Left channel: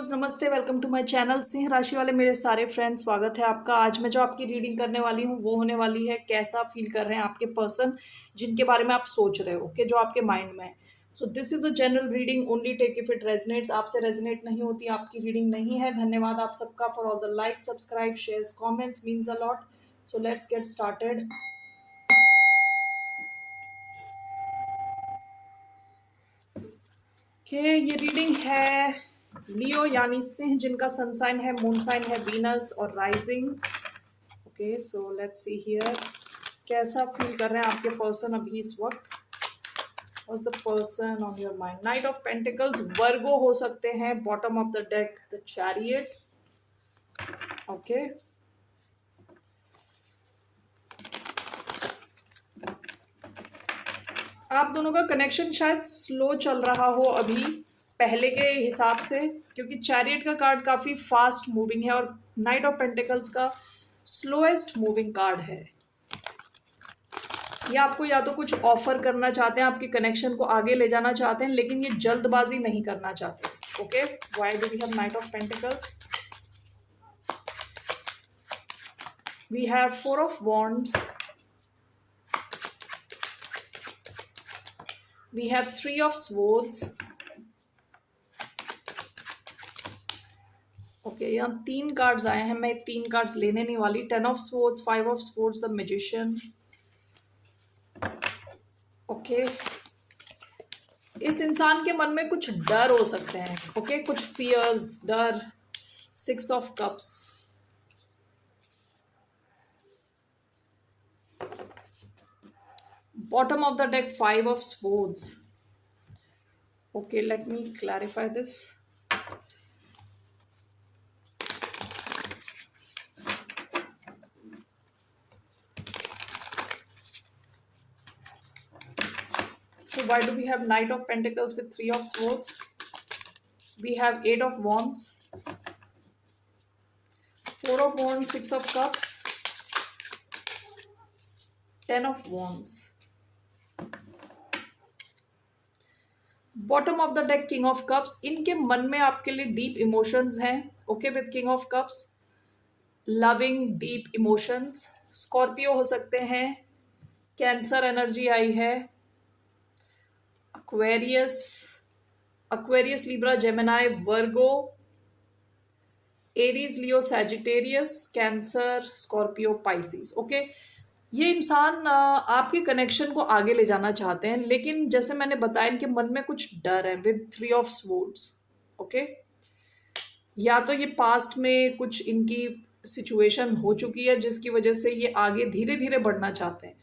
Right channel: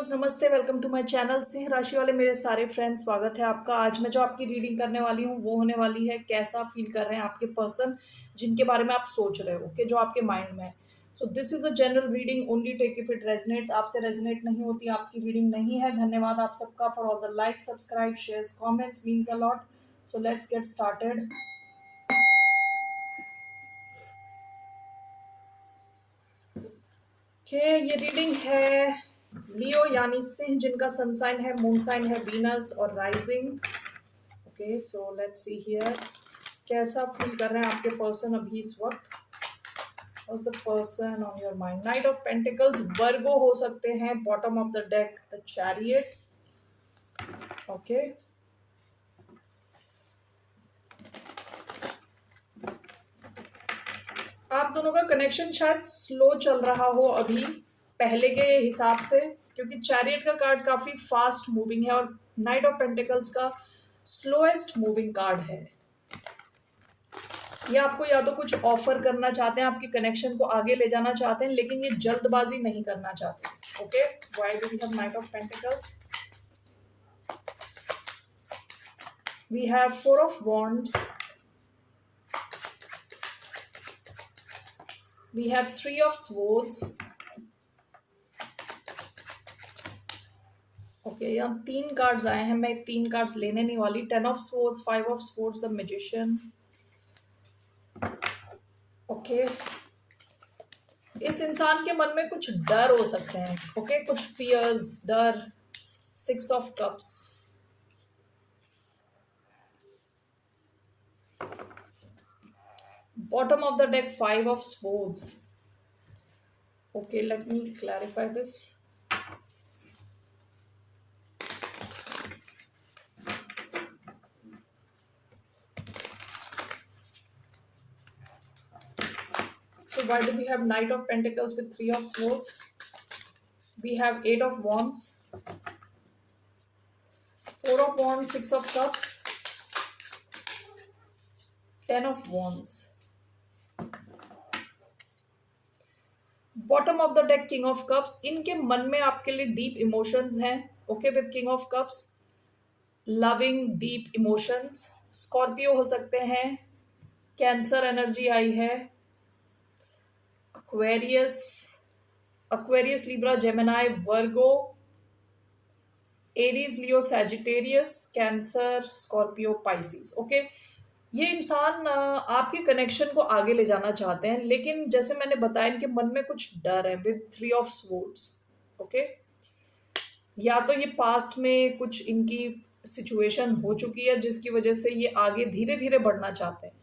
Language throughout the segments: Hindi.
व्यूअर्स, नमस्ते। Welcome to my channel. सिंह राशि वाले मेरे सारे फ्रेंड्स, स्वागत है आपका। आज मैं जो आपकी रीडिंग करने वाली हूँ वो होने वाली है कैसा फील कर रहे हैं आपके पर्सन जिनके बारे में आप सोच रहे हो, ओके, जो आपके माइंड में है। So this is a general reading, only take if it resonates. आपसे रेजनेट नहीं होती आपकी रीडिंग नहीं है। धन्यवाद आप सबका for all the like, subscribe, shares, comments, means a lot. So let's get started. ये रीडिंग है लियो यानी सिंह, जिनका सन साइन है, मून साइन है वीनस और rising. Okay, so let's see here कैसा फील कर रहे हैं आपके पर्सन अभी इस वक्त। What's the person on your mind? Knight of Pentacles, वर्गो हो सकते हैं। Bottom of the deck the chariot. Okay, आप दोनों का कनेक्शन शायद स्लो चल रहा हो अभी पहले के हिसाब से, क्योंकि चैरियट का कार्ड काफी फास्ट मूविंग है और नाइट ऑफ पेंटिकल्स का स्लोएस्ट मूविंग कार्ड है। ये आपको या तो कुछ ऑफर करना चाहते हैं, आपके कनेक्शन को आगे ले जाना चाहते हैं, लेकिन ये जल्दबाजी नहीं करना चाहते। Okay, why do we have knight of pentacles? We have four of wands, we have three of swords. Okay, यहाँ तीन कार्ड्स आए हैं, मैं तीन कार्ड्स लेने नहीं वाली। Ten of swords, five of swords, the magician. Okay, इस इंसान के मन में कुछ डर हो सकते हैं। ओके, कुछ फियर्स, डर। Six of cups, bottom of the deck five of swords. Okay, let me clarify this. So why do we have knight of pentacles with three of swords? We have eight of wands, four of wands, six of cups, ten of wands. Bottom of the deck king of cups. इनके मन में आपके लिए डीप इमोशंस हैं। Okay, with king of cups, loving deep emotions. Scorpio हो सकते हैं, कैंसर एनर्जी आई है, aquarius, aquarius, libra, gemini, virgo, Aries, Leo, Sagittarius, Cancer, Scorpio, Pisces. Okay, ये इंसान आपके कनेक्शन को आगे ले जाना चाहते हैं, लेकिन जैसे मैंने बताया इनके मन में कुछ डर है with three of swords. Okay, या तो ये पास्ट में कुछ इनकी सिचुएशन हो चुकी है जिसकी वजह से ये आगे धीरे धीरे बढ़ना चाहते हैं।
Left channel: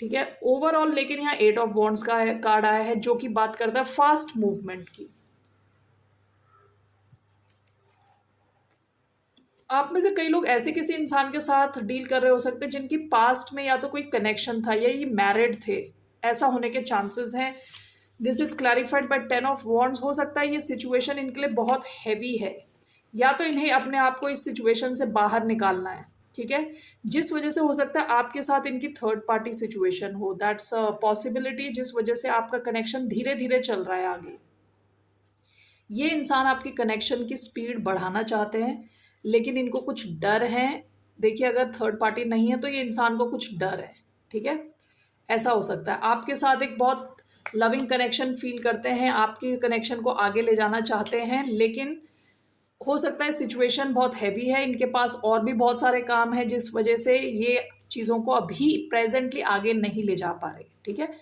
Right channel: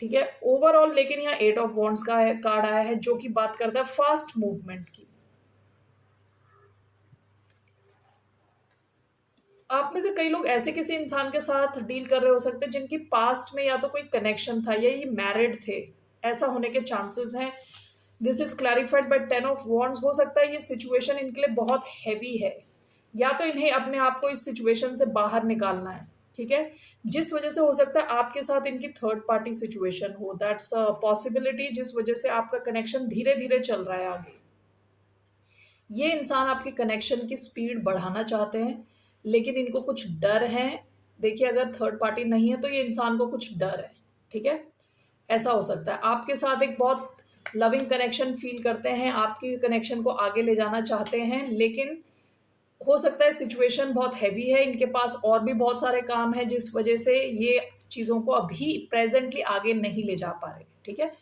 ठीक है, ओवरऑल लेकिन यहाँ एट ऑफ वॉन्ड्स का है कार्ड आया है, जो कि बात करता है फास्ट मूवमेंट की। आप में से कई लोग ऐसे किसी इंसान के साथ डील कर रहे हो सकते हैं जिनकी पास्ट में या तो कोई कनेक्शन था या ये मैरिड थे, ऐसा होने के चांसेस हैं। This is clarified by ten of wands. हो सकता है ये सिचुएशन इनके लिए बहुत हैवी है, या तो इन्हें अपने आप को इस सिचुएशन से बाहर निकालना है। ठीक है, जिस वजह से हो सकता है आपके साथ इनकी थर्ड पार्टी सिचुएशन हो, दैट्स अ पॉसिबिलिटी, जिस वजह से आपका कनेक्शन धीरे धीरे चल रहा है आगे। ये इंसान आपके कनेक्शन की स्पीड बढ़ाना चाहते हैं, लेकिन इनको कुछ डर है। देखिए, अगर थर्ड पार्टी नहीं है तो ये इंसान को कुछ डर है। ठीक है, ऐसा हो सकता है आपके साथ एक बहुत लविंग कनेक्शन फील करते हैं, आपके कनेक्शन को आगे ले जाना चाहते हैं, लेकिन हो सकता है सिचुएशन बहुत हैवी है, इनके पास और भी बहुत सारे काम हैं जिस वजह से ये चीज़ों को अभी प्रेजेंटली आगे नहीं ले जा पा रहे। ठीक है,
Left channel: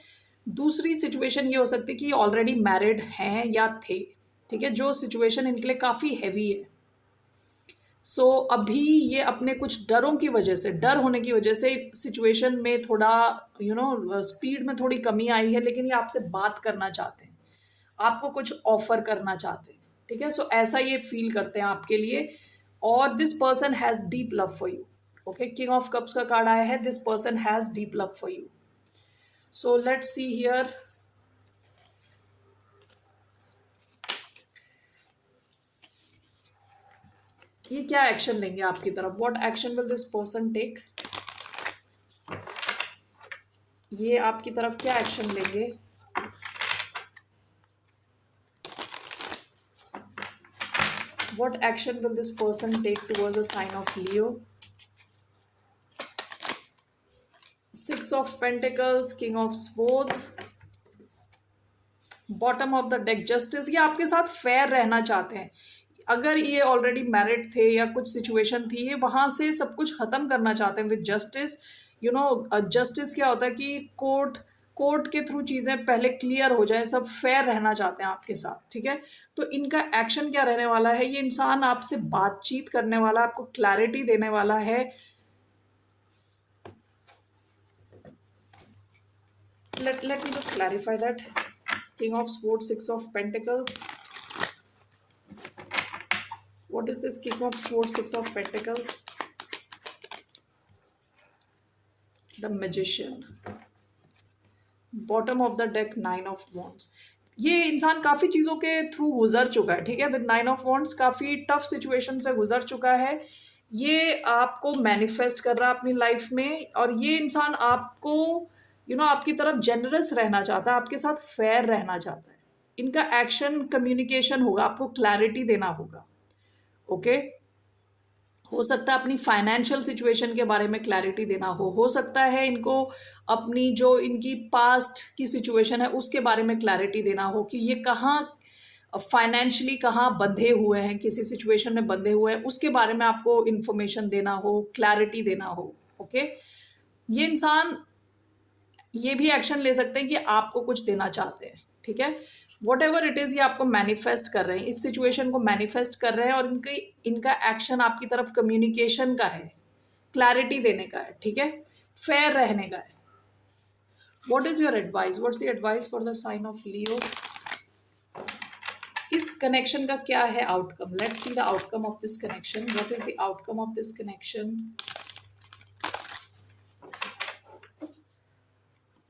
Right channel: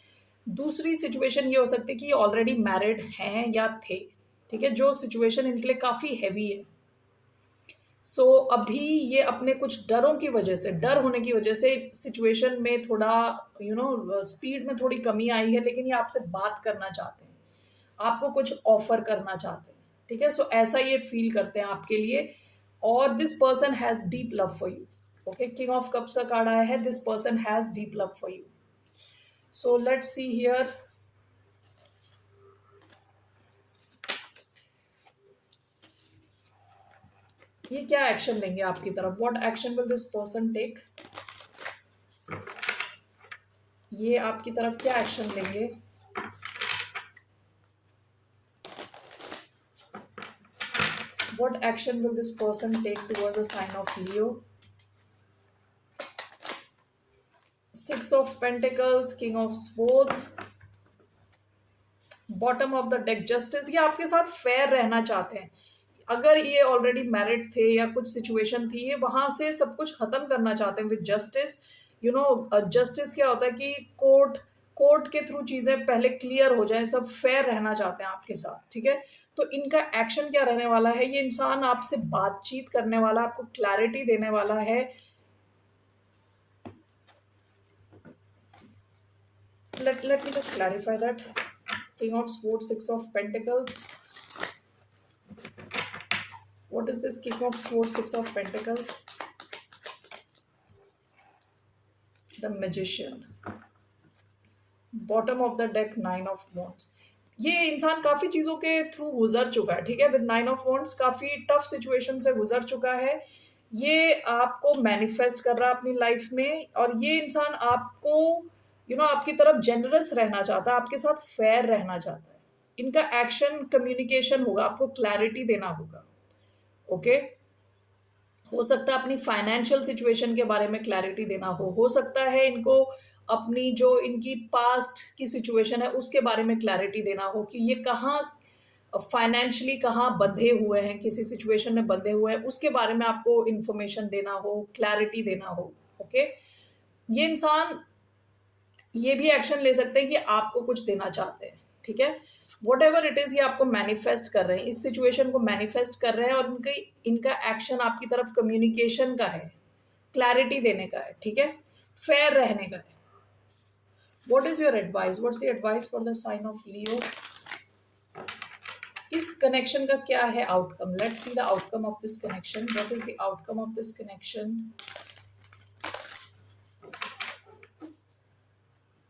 दूसरी सिचुएशन ये हो सकती है कि ये ऑलरेडी मैरिड हैं या थे। ठीक है, जो सिचुएशन इनके लिए काफ़ी हैवी है। सो अभी ये अपने कुछ डरों की वजह से, डर होने की वजह से सिचुएशन में थोड़ा स्पीड में थोड़ी कमी आई है, लेकिन ये आपसे बात करना चाहते हैं, आपको कुछ ऑफर करना चाहते हैं। ठीक है, सो ऐसा ये फील करते हैं आपके लिए, और this person has deep love for you. Okay, king of cups का कार्ड आया है, this person has deep love for you. So let's see here ये क्या एक्शन लेंगे आपकी तरफ। What action will this person take? ये आपकी तरफ क्या एक्शन लेंगे? What action will this person take towards a sign of Leo? Six of Pentacles, King of Swords, bottom of the deck justice. ये आपके साथ फेयर रहना चाहते हैं। अगर ये ऑलरेडी मैरिड थे या कुछ सिचुएशन थी, ये वहाँ से सब कुछ ख़त्म करना चाहते हैं with justice. You know justice क्या होता है कि कोर्ट के थ्रू चीज़ें पहले क्लियर हो जाए, सब फेयर रहना चाहते हैं आपके साथ, ठीक है। तो इनका एक्शन क्या रहने वाला है? ये इंसान आपसे बातचीत करने वाला, आपको क्लैरिटी देने वाला है। let me just clarify that. King of Swords, Six of Pentacles. What is this King of Swords, Six of Pentacles? The Magician. Bottom of the deck, Nine of Wands. ये इंसान काफ़ी चीज़ों के थ्रू गुजर चुका है, ठीक है। विद नाइन ऑफ वॉन्ड्स काफ़ी टफ सिचुएशन से गुजर चुका है। ये आपको मैनिफेस्ट कर रहा है अपनी लाइफ में, और ये इंसान आपको आपकी तरफ जेनरस रहना चाहता है, आपके साथ फेयर रहना चाहता है। इनका एक्शन कम्युनिकेशन होगा, आपको क्लैरिटी देना होगा, ओके। हो सकता है अपनी फाइनेंशियल सिचुएशन के बारे में क्लैरिटी देना हो सकता है इनको अपनी जो इनकी पास्ट की सिचुएशन है उसके बारे में क्लैरिटी देना हो कि ये कहाँ फाइनेंशियली कहाँ बंधे हुए हैं, किसी सिचुएशन में बंधे हुए हैं, उसके बारे में आपको इन्फॉर्मेशन देना हो, क्लैरिटी देना हो, ओके। ये इंसान ये भी एक्शन ले सकते हैं कि आपको कुछ देना चाहते हैं, ठीक है। वॉट एवर इट इज़, ये आपको मैनिफेस्ट कर रहे हैं, इस सिचुएशन को मैनिफेस्ट कर रहे हैं, और इनका एक्शन आपकी तरफ कम्युनिकेशन का है, क्लैरिटी देने का है, ठीक है, फेयर रहने का है। What is your advice? What's your advice for the sign of Leo? इस कनेक्शन का क्या है outcome? Let's see the outcome of this connection. What is the outcome of this connection?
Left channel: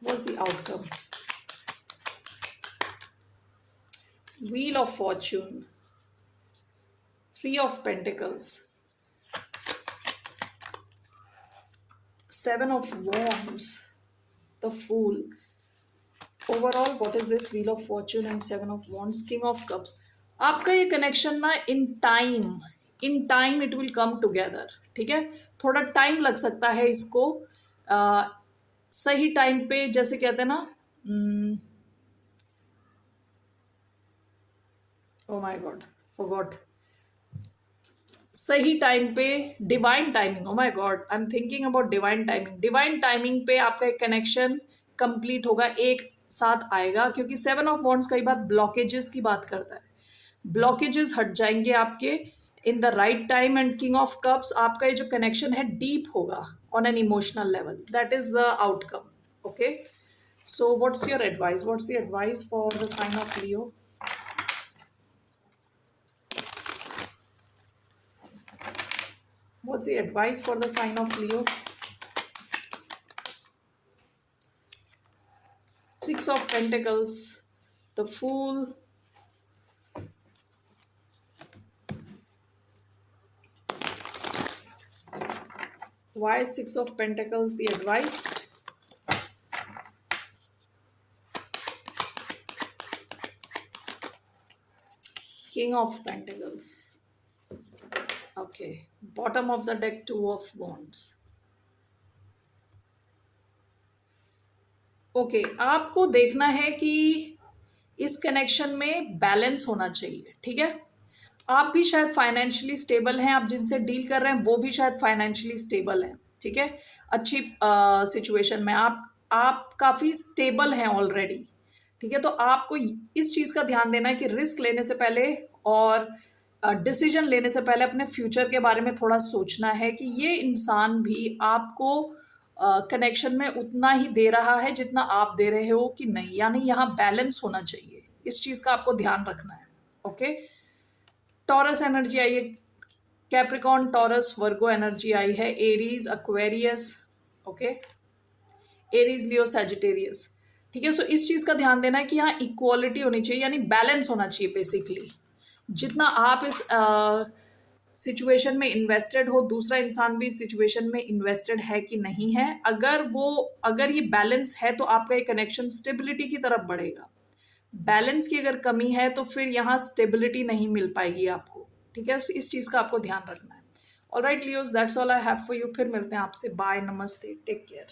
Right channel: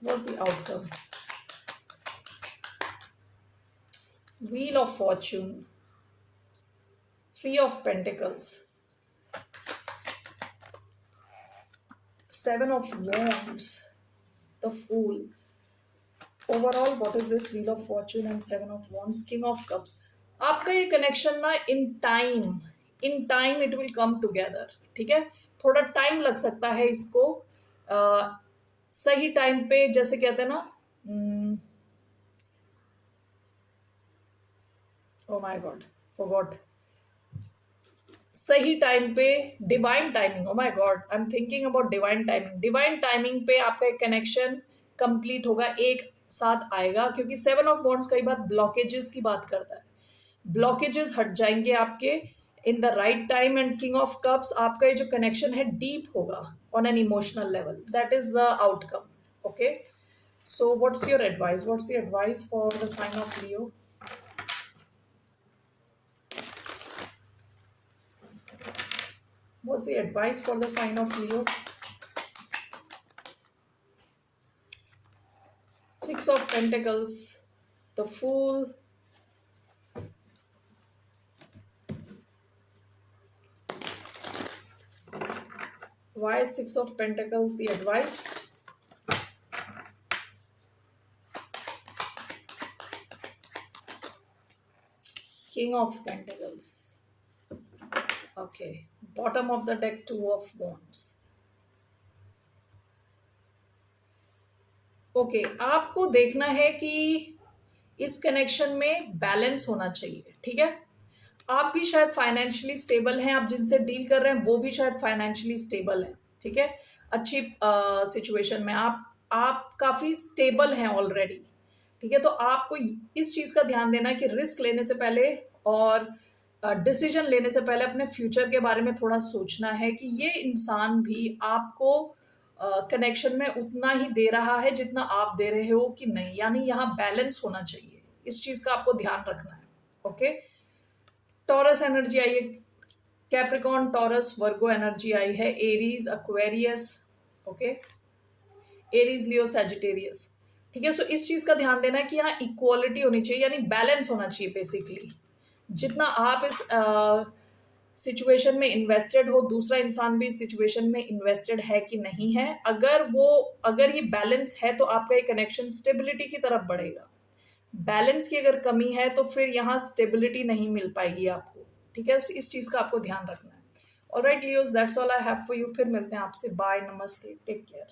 What's the outcome? Wheel of Fortune, Three of Pentacles, Seven of Wands, the Fool. Overall, what is this? Wheel of Fortune and Seven of Wands, King of Cups. आपका ये कनेक्शन ना in time it will come together, ठीक है। थोड़ा टाइम लग सकता है इसको सही टाइम पे, जैसे कहते हैं ना, ओ माय गॉड, फॉरगॉट। सही टाइम पे, divine timing, oh my God, I am thinking about divine timing. Divine timing पे आपका एक कनेक्शन कंप्लीट होगा, एक साथ आएगा, क्योंकि सेवन ऑफ वॉन्ड्स कई बार ब्लॉकेजेस की बात करता है। ब्लॉकेजेस हट जाएंगे आपके in the right time. And king of cups, आपका ये जो कनेक्शन है डीप होगा on an emotional level. That is the outcome, okay. So what's your advice? What's the advice for the sign of Leo? What's the advice for the sign of Leo? Six of Pentacles, the Fool, why is Six of Pentacles the advice? King of Pentacles, okay. Bottom of the deck, Two of Wands. Okay, आपको देखना है कि इस कनेक्शन में बैलेंस होना चाहिए, ठीक है। आप भी शायद फाइनेंशियली स्टेबल हैं, आप जिनसे डील कर रहे हैं वो भी शायद फाइनेंशियली स्टेबल हैं, ठीक है। अच्छी सिचुएशन में आप काफ़ी स्टेबल हैं ऑलरेडी, ठीक है। तो आपको इस चीज़ का ध्यान देना है कि रिस्क लेने से पहले और डिसीजन लेने से पहले अपने फ्यूचर के बारे में थोड़ा सोचना है कि ये इंसान भी आपको कनेक्शन में उतना ही दे रहा है जितना आप दे रहे हो कि नहीं, यानी यहाँ बैलेंस होना चाहिए। इस चीज़ का आपको ध्यान रखना है, ओके। टॉरस एनर्जी आई है, कैप्रिकॉन, टॉरस, वर्गो एनर्जी आई है, Aries, Aquarius, okay, Aries, Leo, Sagittarius, ठीक है। सो इस चीज़ का ध्यान देना है कि यहाँ इक्वालिटी होनी चाहिए, यानी बैलेंस होना चाहिए बेसिकली। जितना आप इस सिचुएशन में इन्वेस्टेड हो, दूसरा इंसान भी इस सिचुएशन में इन्वेस्टेड है कि नहीं है। अगर ये बैलेंस है तो आपका ये कनेक्शन स्टेबिलिटी की तरफ बढ़ेगा। बैलेंस की अगर कमी है तो फिर यहाँ स्टेबिलिटी नहीं मिल पाएगी आपको, ठीक है, इस चीज़ का आपको ध्यान रखना है। Alright Leos, that's all I have for you. फिर मिलते हैं आपसे। बाय, नमस्ते, टेक केयर।